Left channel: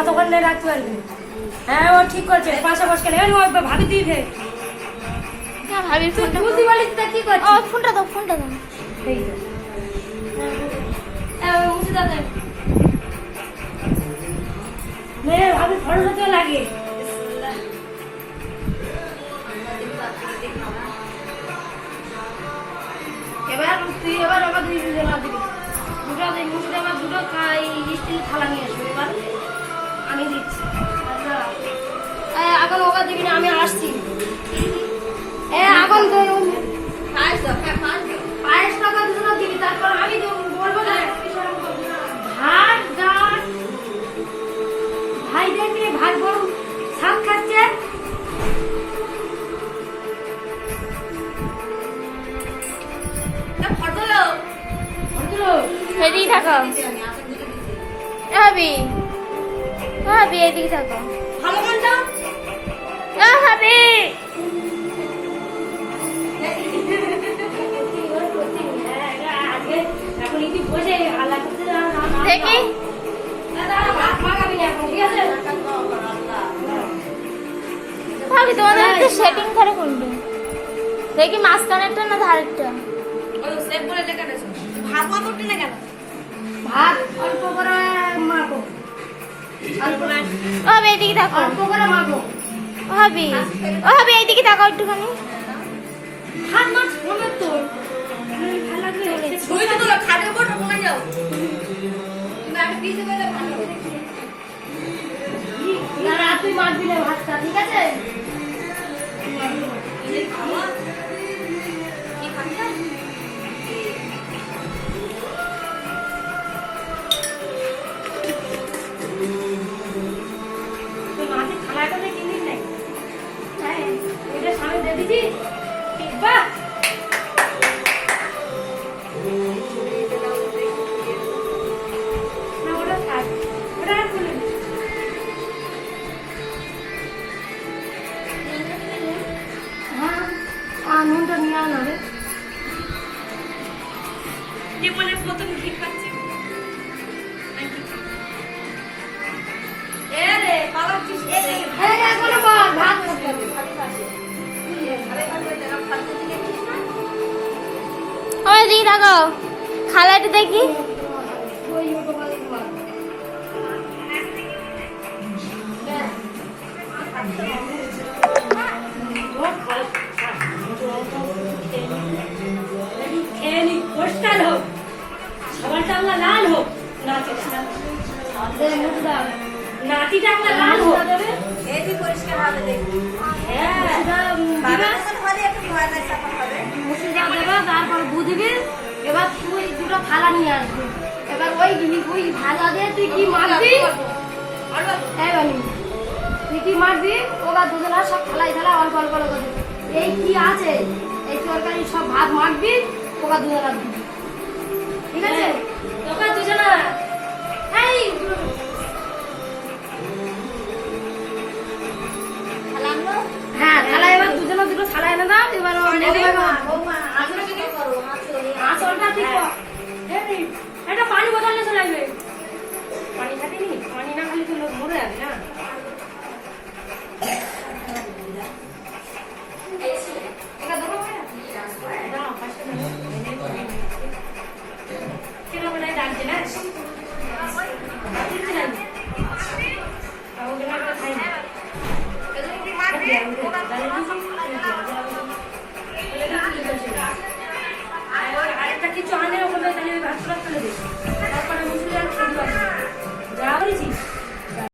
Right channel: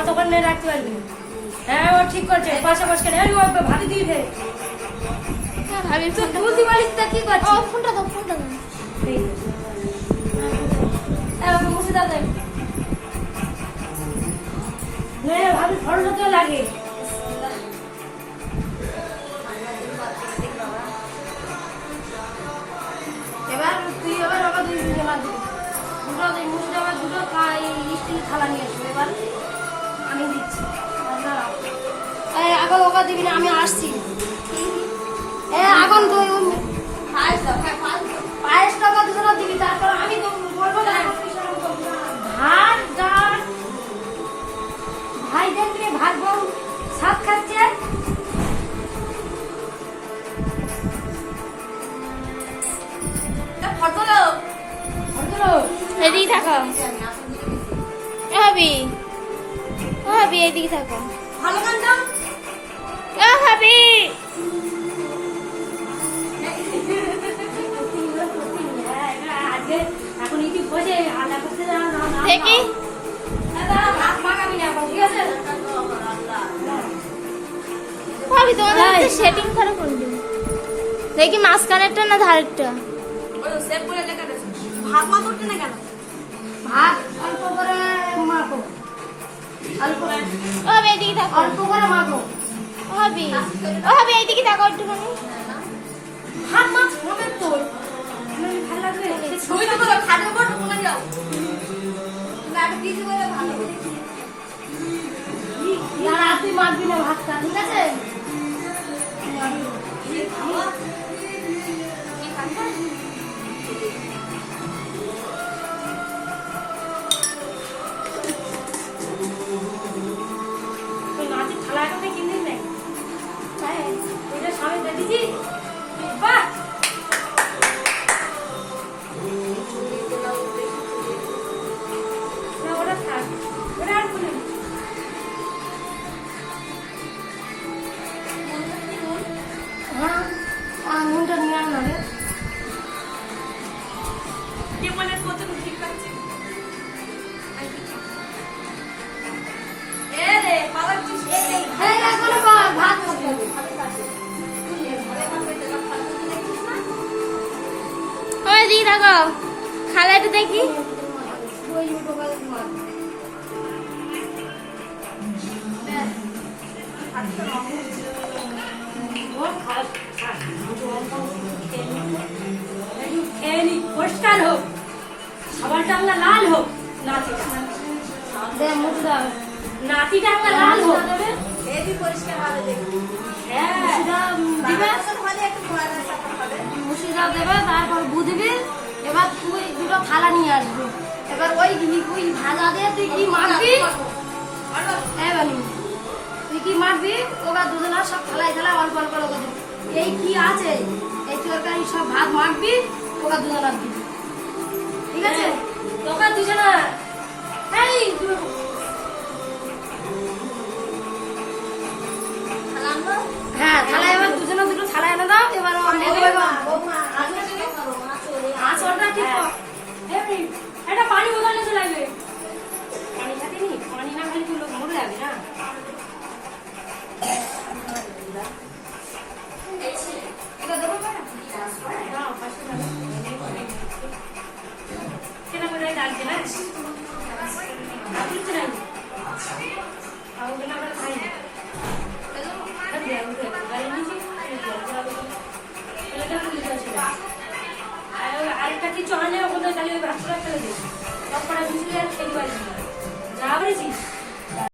অতক্ষণ রাখতে পারবি। হ্যাঁ ও ঠিক করছে, পাশে বসে ভাবি দিয়ে দে। ভাবি ফোনটা বুঝতে পারিস তা কি করছিস? ও ফোনটা দাও, ফোনটা দাও। ঠিক আছে মুছে দাও। নে ভাবি খরচ হতে লাগে। এবার তুই আবার দুই জনা দিবি। দুটো মুছে আবার দুটো স্টিল থালা নিয়ে আসবো। এবার আমি দিচ্ছি। এখন ওকা দিবি না, আমি আসছি। এখন পায়েস টাকা দুটো দিবি, তারপর আমি বলবো না ভাত ডাল। ভাই দেখবি ভাই বউ সাত খাচ্ছে। এদিকে থাকো ভাবি, ভাবি এদিকে থাকো। ভালো গানটা ও ভাবি এখন একটু বসে আল্লাহ করতে দেখি ভাবি তোমাদের হচ্ছে সেটিং করে কোনটা দেখি, মাঝখানেরটা না ধারেরটা? ভাত মা করতে না কেন? ভাত অল্প করে মাখো, অল্প ও ভাবি এদিকে থাকো, অল্প করে মাখো। ও ভাবি, ও ভাবি এইদিকে থাকো একটুখানি। ভাত মাছ হবে তো ভালো লাগবে। ছুঁই তো তোলা খাদের উপর কমে যাও। তুমি আগে পিছে বলে ভালো করে না তুই মাখবি না ভাতটা, ঠিক আছে? মাটি থালাটা কিনি নাই, হ্যাঁ এটা সামনে দিয়ে দিবি। বাহ না ওটা থাক, ওটা আর খুলে দিই। হ্যাঁ নুনটা নিয়ে আয় না রে। টেবলের প্রথম ঠিক পাচ্ছি। এ রে বাবা তুই এখনো ভাত করতে হবে। ও এদিকে থাকো, খালাটা দেখি। ওই ছোটবেলায় মার পরিষ্কার হোক, সবার টাংলা লাল হোক, নাতি টাংলা লাল হোক। এবি পরিষ্কার হবে দেখি। মুর্শিদা দেবে, তারপর বুঝবি। এবার তুই দুটো থালা নিয়ে আসবি। এবার ওই ভাজা দিয়ে তুই কি মারবি? তুই কি মারবি? ওরা দুজনা সব থালায় থালা অল্প অল্প করে দিবি। এই কি আছে এই তরকারি সব ভাত মাখবি, ওরা দুজনা দিবি, ঠিক আছে? তোকে দুজনা এই হ্যাঁ থালায় এবার দুজনে দুটো থালা এনে দাও। এবার আঁচলটা ঠিক এটা পানি বোতল এসে লাগবে। পানি খাতে নি, পানি না খালি তুই লোক মরে যাবি না। আরেকটা কিছু আনে ওখানে তাহলে ওই বাচ্চারা ফেলে দিস, তারপরে বুঝলি আর খেতে পারবি না। যা বলেছিস